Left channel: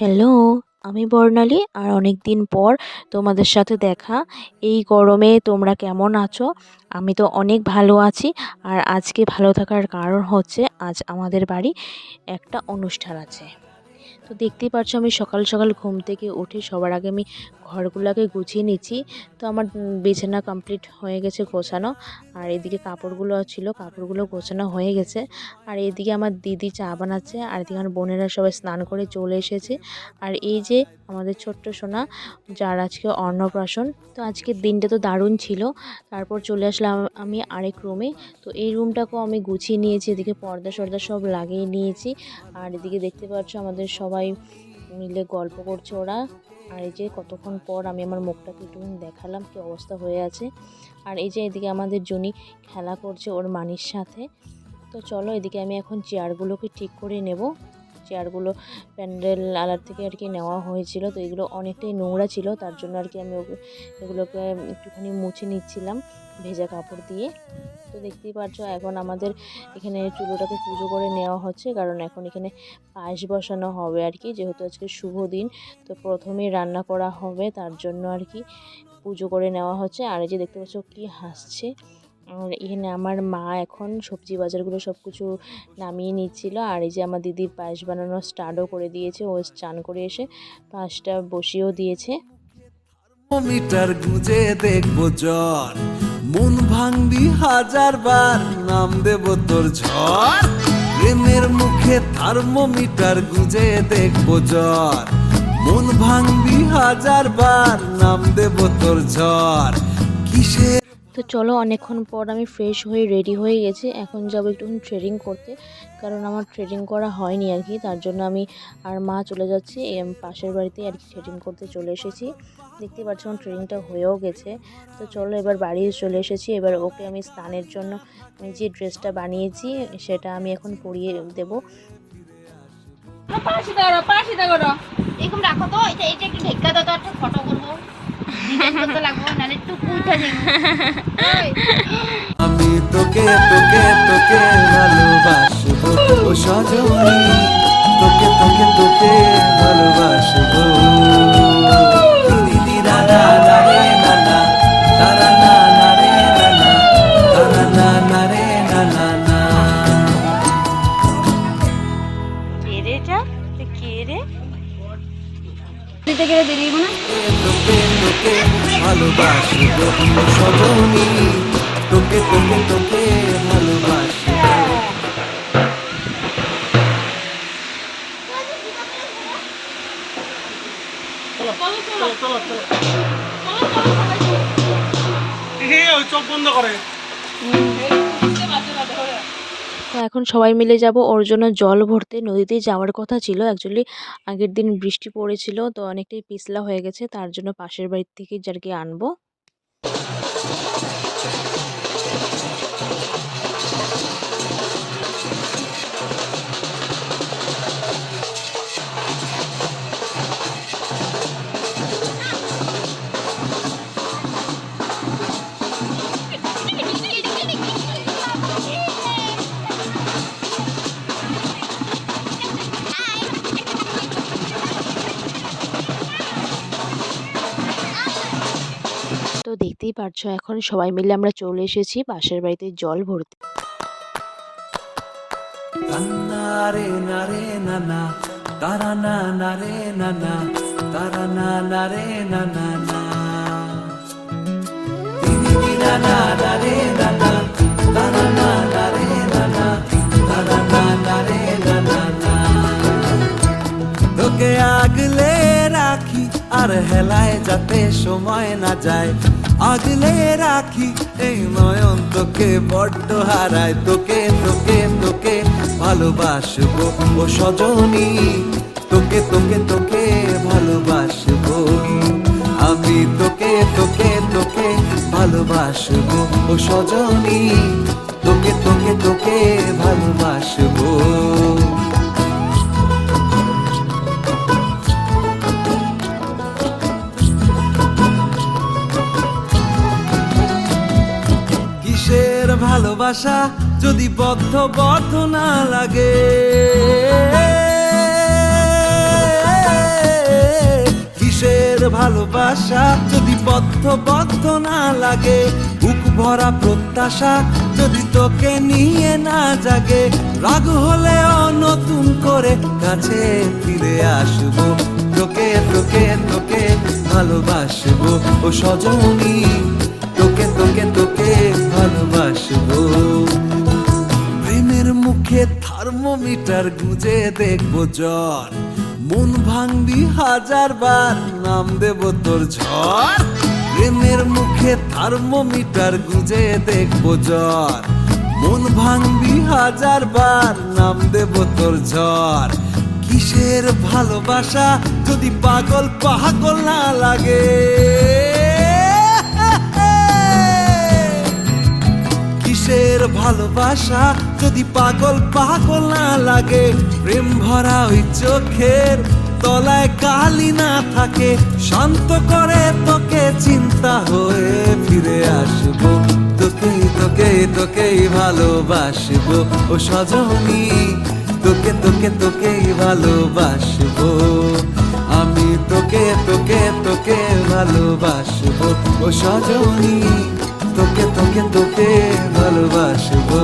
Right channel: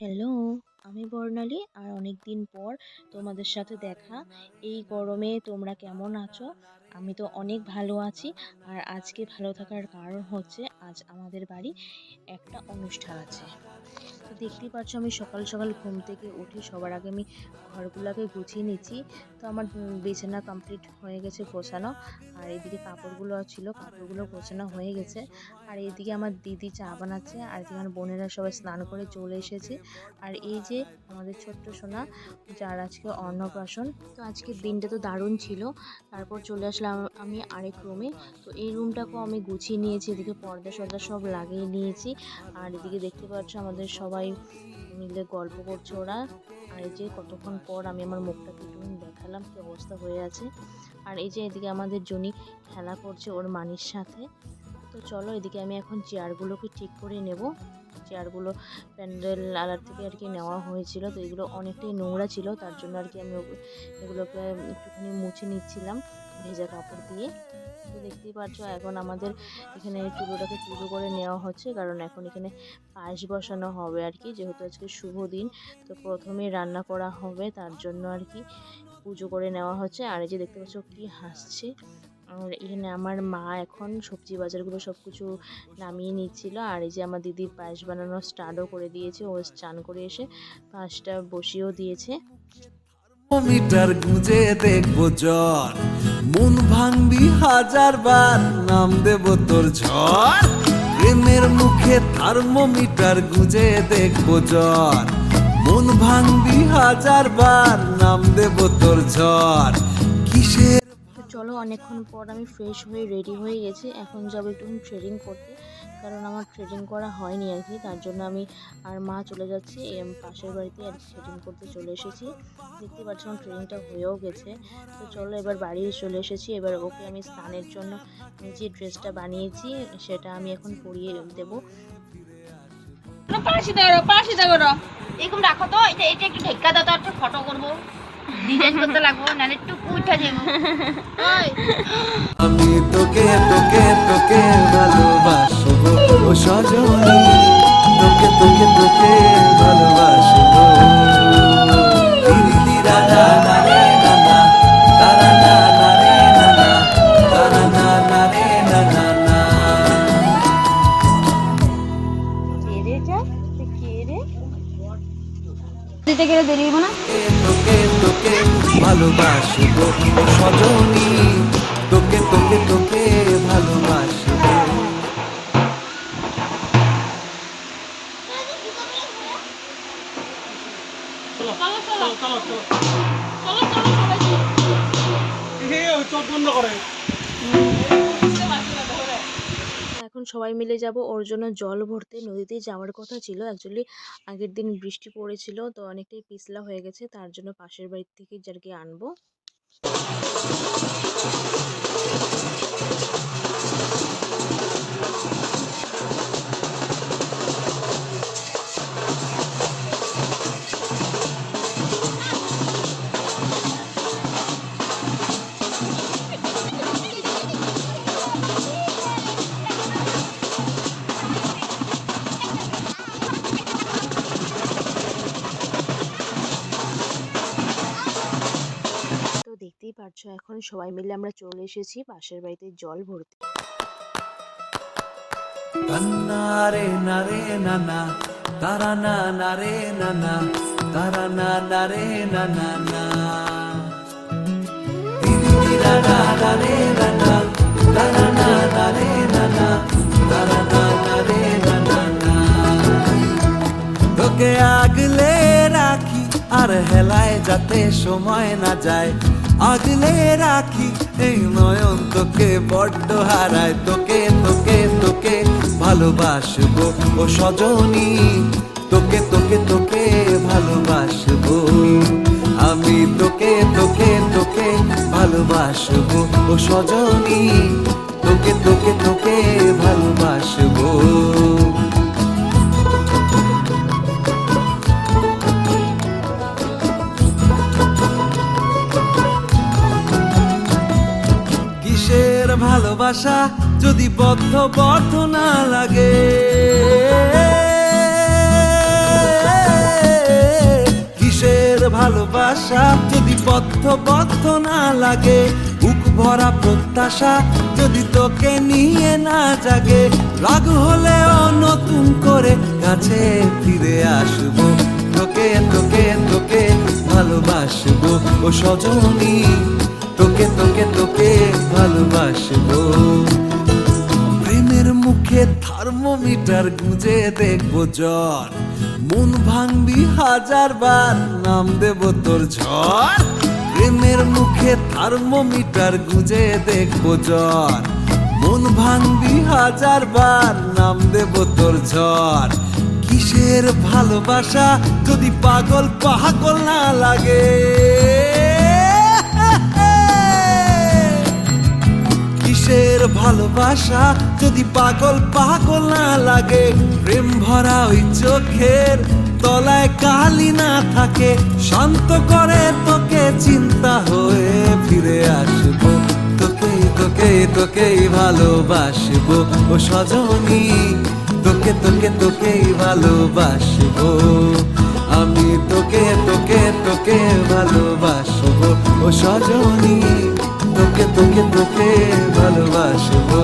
Hello, আমি বর্ণালী। আর অনেক দিন পর তোমাদের সাথে দেখা। এই গরমে তোমরা কেমন আছো? আমি তো অনেক ভালো আছি। আর আজকে ভালো থাকার কারণ হচ্ছে আজ আমাদের বাড়ি একটা অনুষ্ঠান আছে। তো দেখতেই পাচ্ছ আমি সকাল সকাল ঘুম থেকে উঠে সবার আগে আমি ঘরগুলোকে গুছিয়ে নিচ্ছি। তো আমার বিছানা কমপ্লিট হয়ে গেছে গোছানো। আর এদিকে কাপড়গুলো ছিল, কাপড়গুলো গোছানো হয়ে গেছে। আর এদিকে আমার দিদি চা বানাচ্ছে, আর এদিকে আমার বোনেরা সবাই স্নান করে চলে এসেছে। আর এই যে আমাদের ছোট্ট সোনা, যার আজকে অন্নপ্রাশন। তো আজকের দিনটা তো দারুণ ছিল। তারপর চলে আসলাম আমি আরেক রুমে। তো এই রুমটাকেও আমি গুছিয়ে নিয়েছি, এদিকে পর্দা সর্দা সব লাগিয়ে নিয়েছি। আর এদিকে দেখতে পাচ্ছ আমাদের সবাই মিলে গল্প করছে ওরা। আর এই যে কতক্ষণ পর আমি আমার মুখটাকে একটু দেখালাম কি অবস্থা হয়ে আছে। আর এই যে এদিকে আমাদের জনি খেলা করছে ওর মানির সাথে। তো চলো এদিকে আমি এখন চেয়ারগুলোকে ঠিক করে নেব। চেয়ারগুলো প্যান্ডেল আলার থেকে আর কি নেওয়া হয়েছিল, তো এগুলো অনেকটাই নোংরা ছিল, তার জন্য আর কি আমি এগুলোকে একটুখানি মুছে নিচ্ছিলাম ভেজা কাপড় দিয়ে। তো দেখতেই পাচ্ছ এখন আমাদের এখানে চুলোটাকে পুজো করে নেওয়া হচ্ছে, কারণ এখন এখানে পায়েস বসানো হবে আর কি, যেহেতু আজকে শুভ দিন। তো প্রথমেই রান্না করা হবে, তার জন্য আর কি পুজো করে নেওয়া হচ্ছে। আর এই যে দেখতে পাচ্ছ কি হাসছে। আর এখানে আমার মা এখন সবজি বাজারগুলো সব কিছু নামিয়ে নিচ্ছিল। আর এই যে আমার দিদি পায়েস বানানো স্টার্টও করে দিয়েছে, ও চান করে এসে পায়েসটা বসিয়েও দিয়েছে। মিটার গুঁজে দেখবো জ্বর, মন ভাঙবি হাজার বার, নাম দেব তোর ঝড়। প্রেমের মুখে থার্মোমিটার গুঁজে দেখবো জ্বর, মন ভাঙবি হাজার বার, নাম দেব তোর ঝড়। কিসে তো চলো অনেকক্ষণ পর আমি ফ্রেশ হয়ে রেডি হয়ে গেছি, এখন যাবো একটুখানি থ্রেডিং করতে, কারণ আমার থ্রেডিং করা হয়নি আর কি, তার জন্য আমি আর মা চলে যাচ্ছি পাশের বাড়িতে আর কি থ্রেডিং করতে চলে এসেছি। দেখতে পাচ্ছি আমার থ্রেডিংটা হয়েও গেছে। তো চলো এবার বাড়ি চলে এসেছি, এবার ওকে আমি স্নানের জন্য যে ড্রেসটা বানিয়েছি সেটা আমি এখন পরিয়ে দেবো। এরকম রাখো তো, এটা এটা একটু ঢেকা দাও তো, একটা ফটো করবো, ডিজাইন করতে লাগবো, নাহলে একটু উঠা যাবে। আমি তোকে তোকে তোকে ভালোবাসবো ও সজনী, তোকে তোকে তোকে ভালোবাসবো। কে রে এটা? কে রে? দিতে গেলে দেরিয়ে না। তোকে তোকে ভালোবাসবো ও সজনী, তোকে তোকে তোকে ভালোবাসবো। চোখ বন্ধ করে। তো এখন সবাই মিলে যাব ওর জন্য জল ভরতে। নদীতে যাওয়ার কথা ছিল, অ্যাকচুয়ালি আগের দিন বৃষ্টি পড়েছিল, তো অনেকটাই পিছলা হয়ে গেছে, তার জন্য পাশের বাড়ি থেকে যারকে আনবো। তো দেখতেই পারছো এখন সবাই মিলে আমরা চলে এসেছি পাশের বাড়িতে জল ভরতে। নারে নারে নানা তারা না নারে নানা তারা না নারে নানা না নারে নানা তারা না নারে নানা তারা না নারে নানা না। তোকে আগলে রাখি আর হেলায় যাতে সময় না যায়, আগলে রাখি এই নয়ন তোকে বড্ড হারায়। তোকে তোকে তোকে ভালোবাসবো ও সজনী, তোকে তোকে তোকে ভালোবাসবো আমি, তোকে তোকে তোকে ভালোবাসবো ও সজনী, তোকে তোকে তোকে ভালোবাসবো। কিসের ভালোবাসা যদি বদ্ধ বদ্ধ না লাগে, ভালোবাসা যদি বদ্ধ না লাগে, বুক ভরা প্রত্যাশা যদি তোকে নিয়ে না জাগে, রাগ হলেও নতুন করে কাছে ফিরে আসবো, তোকে তোকে তোকে ভালোবাসবো ও সজনী, তোকে তোকে তোকে ভালোবাসবো। প্রেমের মুখে থার্মোমিটার গুঁজে দেখবো জ্বর, মন ভাঙবি 1000 বার, নাম দেব তোর ঝড়। প্রেমের মুখে থার্মোমিটার গুঁজে দেখবো জ্বর, মন ভাঙবি 1000 বার, নাম দেব তোর ঝড়। কিসের ভালোবাসা যদি পাগল পাগল না লাগে, কিসের ভালোবাসা যদি পাগল পাগল না লাগে, প্রেম ভরা ওই চোখের তলায় কালি না থাকে, শান্ত করে তোকে চিন্তা হয়ে ফিরে আসবো, তোকে তোকে তোকেই ভালোবাসবো ও সজনী, তোকে তোকে তোকেই ভালোবাসবো আমি, তোকে তোকে তোকে ভালোবাসবো ও সজনী, তোকে তোকে তোকে ভালোবাসবো।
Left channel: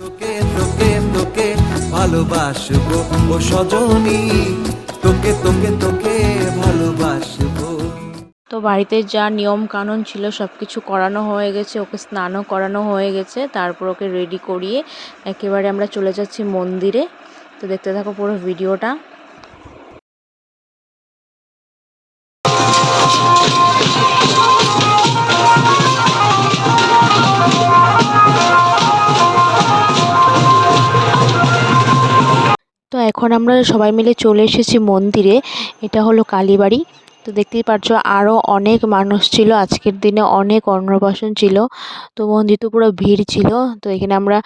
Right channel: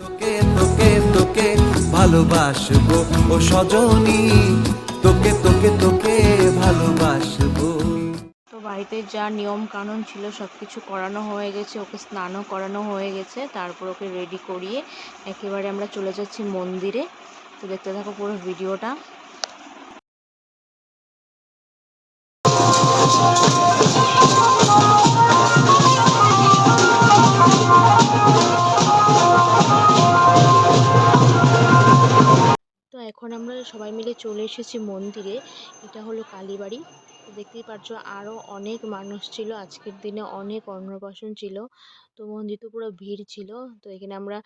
তোকে তোকে তোকে ভালোবাসবো ও সজনী, তোকে তোকে তোকে ভালোবাসবো। তো বাড়িতে যা নিয়ম কানুন ছিল সব কিছু করানো হয়ে গেছে, ওকে স্নানও করানো হয়ে গেছে, তারপর ওকে রেডি করিয়ে একেবারে আমরা চলে যাচ্ছি মন্দিরে। তো দেখতে থাকো পুরো ভিডিওটা। তো এখন আমরা সবাই মিলে চলে এসেছি মন্দিরে, এটা হলো কালীবাড়ি। তো দেখতেই পাচ্ছ আরও অনেক মানুষ ছিল, আজকের দিনে অনেক অন্নপ্রাশন ছিল, তো মন্দির তো পুরো ভিড় ছিল। তো এখানে আমরা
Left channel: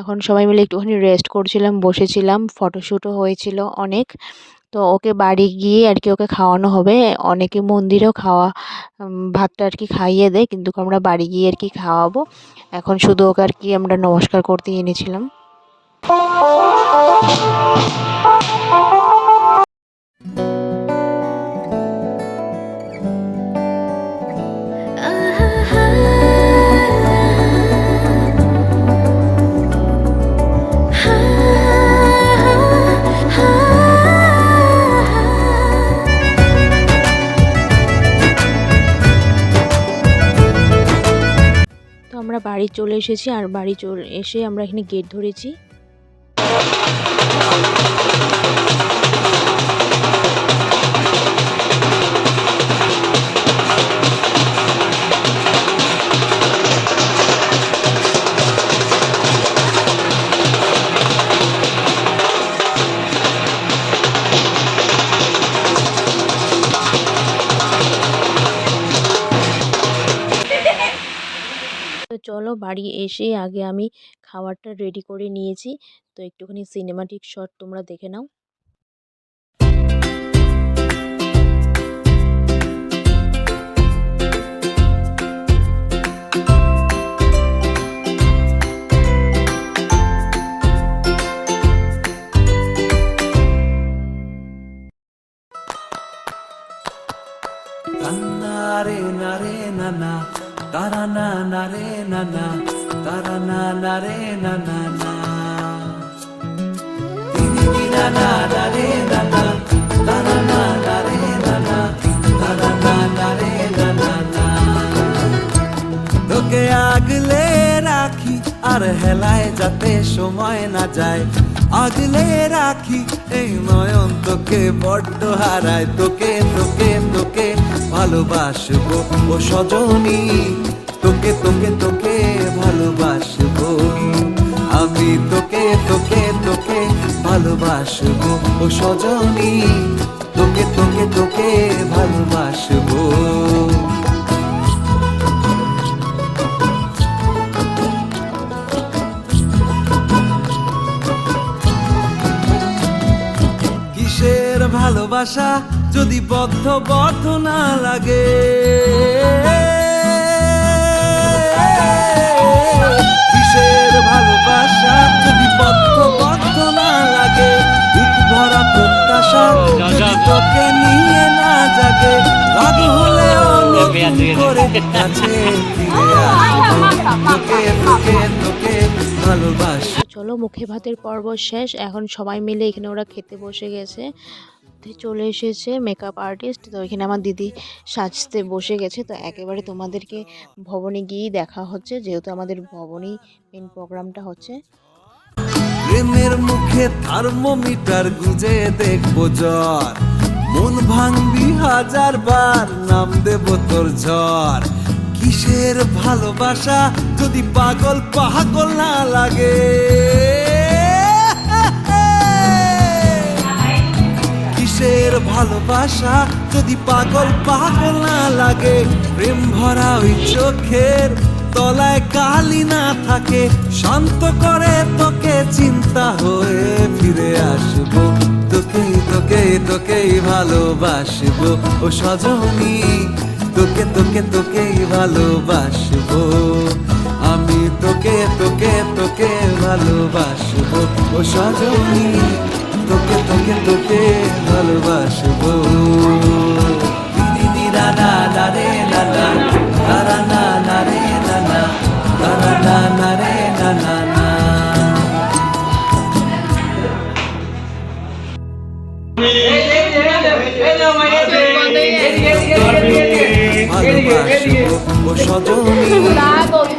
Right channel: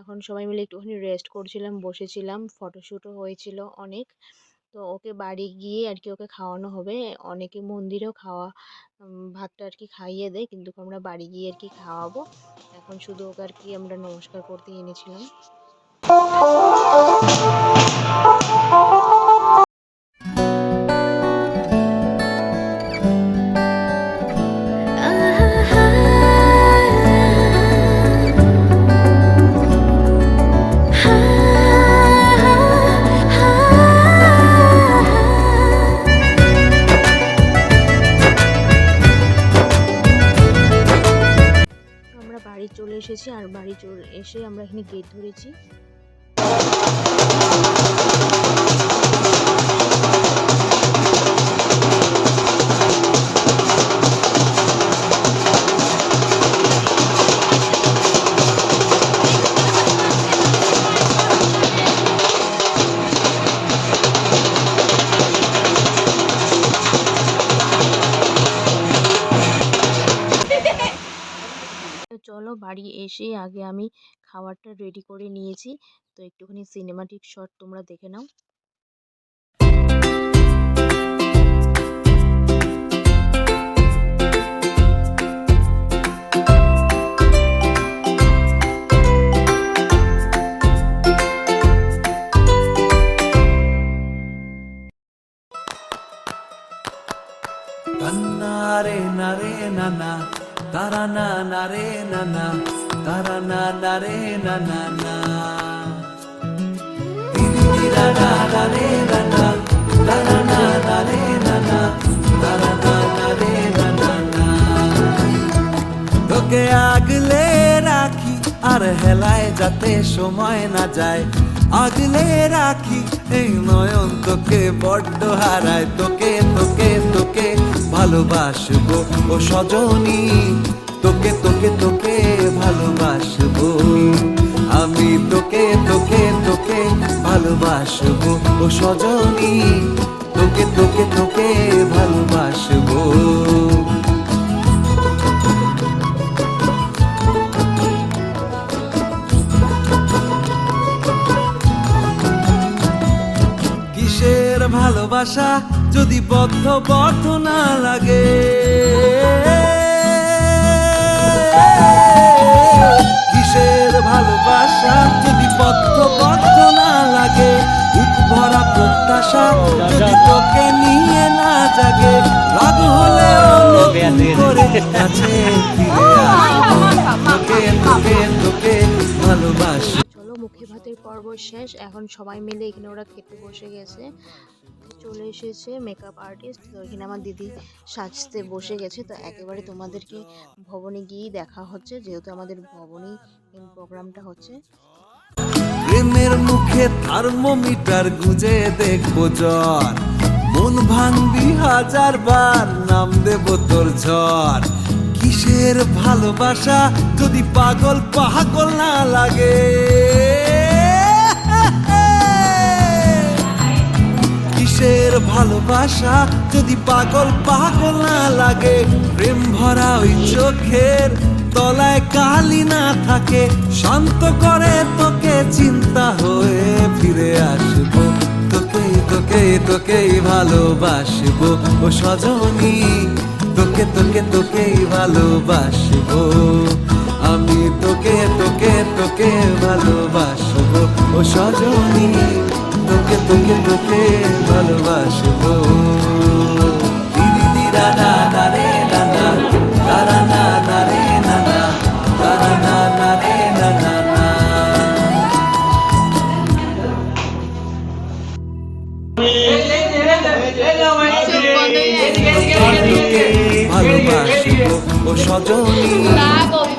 এখন সবাই মিলে একটুখানি রেস্ট করছিলাম, বসেছিলাম, ফটোশ্যুটও হয়েছিল অনেক। তো ওকে বাড়ি গিয়ে আর কি ওকে খাওয়ানো হবে, অনেকে মন্দিরেও ভাতটা আর কি খাইয়ে দেয়, কিন্তু আমরা বাড়ি গিয়ে আর কি খাওয়াবো। এখন শুধু ওকে আর কি আমরা নমস্কার করতে এনেছিলাম। আমরা বাড়ি চলে এসেছি, আর বাড়ি চলে এসে আমরা এখানে গেট ধরেছি। তো চলো বাড়ি এসে আগে আমি খাবারটা রেডি করে নিয়েছি, তো একটুখানি সিনেমাটিক শট তোমরা দেখে নাও। নারে নারে নানা তারা না নারে নানা তারা না নারে নানা না তোকে আগলে রাখি আর হেলায় যাতে সময় না যায়, আগলে রাখি এই নয়ন তোকে বড্ড হারায়, তোকে তোকে তোকে ভালোবাসবো ও সজনী, তোকে তোকে তোকে ভালোবাসবো আমি, তোকে তোকে তোকে ভালোবাসবো ও সজনী, তোকে তোকে তোকে ভালোবাসবো। কিসের ভালোবাসা যদি বদ্ধ না লাগে, কিসের ভালোবাসা যদি বদ্ধ না লাগে, বুক ভরা প্রত্যাশা যদি তোকে নিয়ে না জাগে, রাগ হলেও নতুন করে কাছে ফিরে আসবো, তোকে তোকে তোকে ভালোবাসবো। চলো, মুখে ভাতের পর্ব শেষ। এখন সবাই মিলে এখানে ওরা খেতে বসে গেছে। তো চলে এসেছে মেকআপ আর্টিস্ট। তো এখানে আমার দিদি সাজতে বসে গেছে। তো একেবারে তোমাদেরকে ভবনে গিয়েই দেখা হচ্ছে, যেহেতু আমাদের ভবনেই মেন প্রোগ্রামটা হচ্ছে। প্রেমের মুখে থার্মোমিটার গুজে দেখবো জ্বর, মন ভাঙবি 1000 বার, নাম দেব তোর ঝড়। কিসের ভালোবাসা যদি পাগল না লাগে, কিসের ভালোবাসা যদি পাগল না লাগে, প্রেম ভরা ওই চোখের তলায় কালি না থাকে, শান্ত করে তোকে চিন্তা হয়ে ফিরে আসবো, তোকেই তোকেই তোকেই ভালোবাসবো ও সজনী, তোকে তোকে তোকেই ভালোবাসবো আমি, তোকে তোকে তোকে ভালোবাসবো ও সজনী, তোকে তোকে তোকে ভালোবাসবো। তোকে ভালোবাসবো ও সজনী,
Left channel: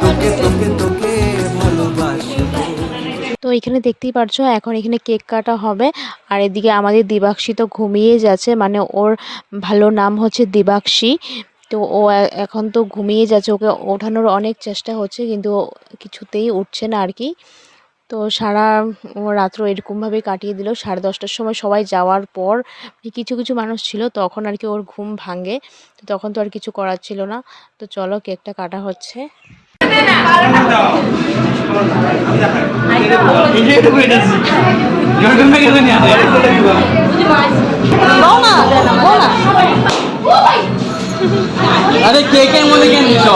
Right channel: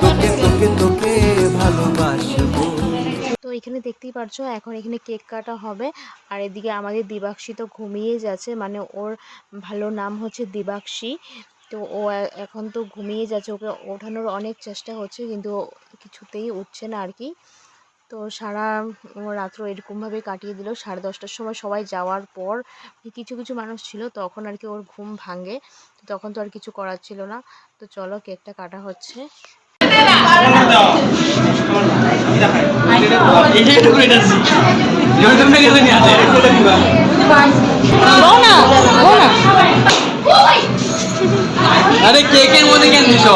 তোকে তোকে তোকে ভালোবাসবো। তো এখানে দেখতেই পারছো, এখন এখানে কেক কাটা হবে। আর এদিকে আমাদের দিবাকশী তো ঘুমিয়ে যাচ্ছে, মানে ওর ভালো নাম হচ্ছে দিবাকশী। তো ও এখন তো ঘুমিয়ে যাচ্ছে, ওকে ওঠানোর অনেক চেষ্টা হচ্ছে কিন্তু ও কিছুতেই উঠছে না আর কি। তো সারা রাত্র এরকমভাবে কাটিয়ে দিল। 10:30টার সময় সবাই যাওয়ার পর কিছু কিছু মানুষ ছিল, তখন আর কি ওর ঘুম ভাঙে। তো তখন তো আর কিছু করার ছিল না। তো চলো, কেকটা কাটা হচ্ছে। আরে কেকের মধ্যে কেন দিছ?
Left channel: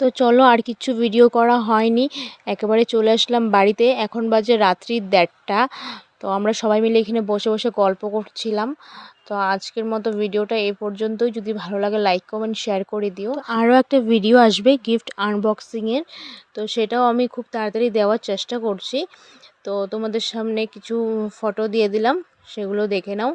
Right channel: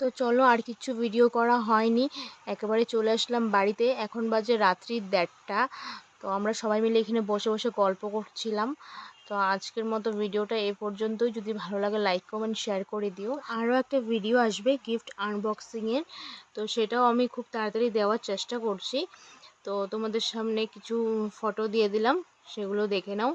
তো চলো, আর কিছু ভিডিও করা হয়নি, একেবারে চলে আসলাম বাড়িতে। এখন বাজে রাত্রি 1:30টা। তো আমরা সবাই মিলে এখানে বসে বসে গল্প করছিলাম। তো আজকের মতো ভিডিওটা এই পর্যন্তই। যদি ভালো লাগে লাইক কমেন্ট শেয়ার করে দিও। আরও একটা ভিডিও আসবে গিফট আনবক্সিংয়ের, তো সেটাও আমি খুব তাড়াতাড়ি দেওয়ার চেষ্টা করছি। তো তোমাদের সামনে কিছু ফটো দিয়ে দিলাম, সেগুলো দেখে নাও।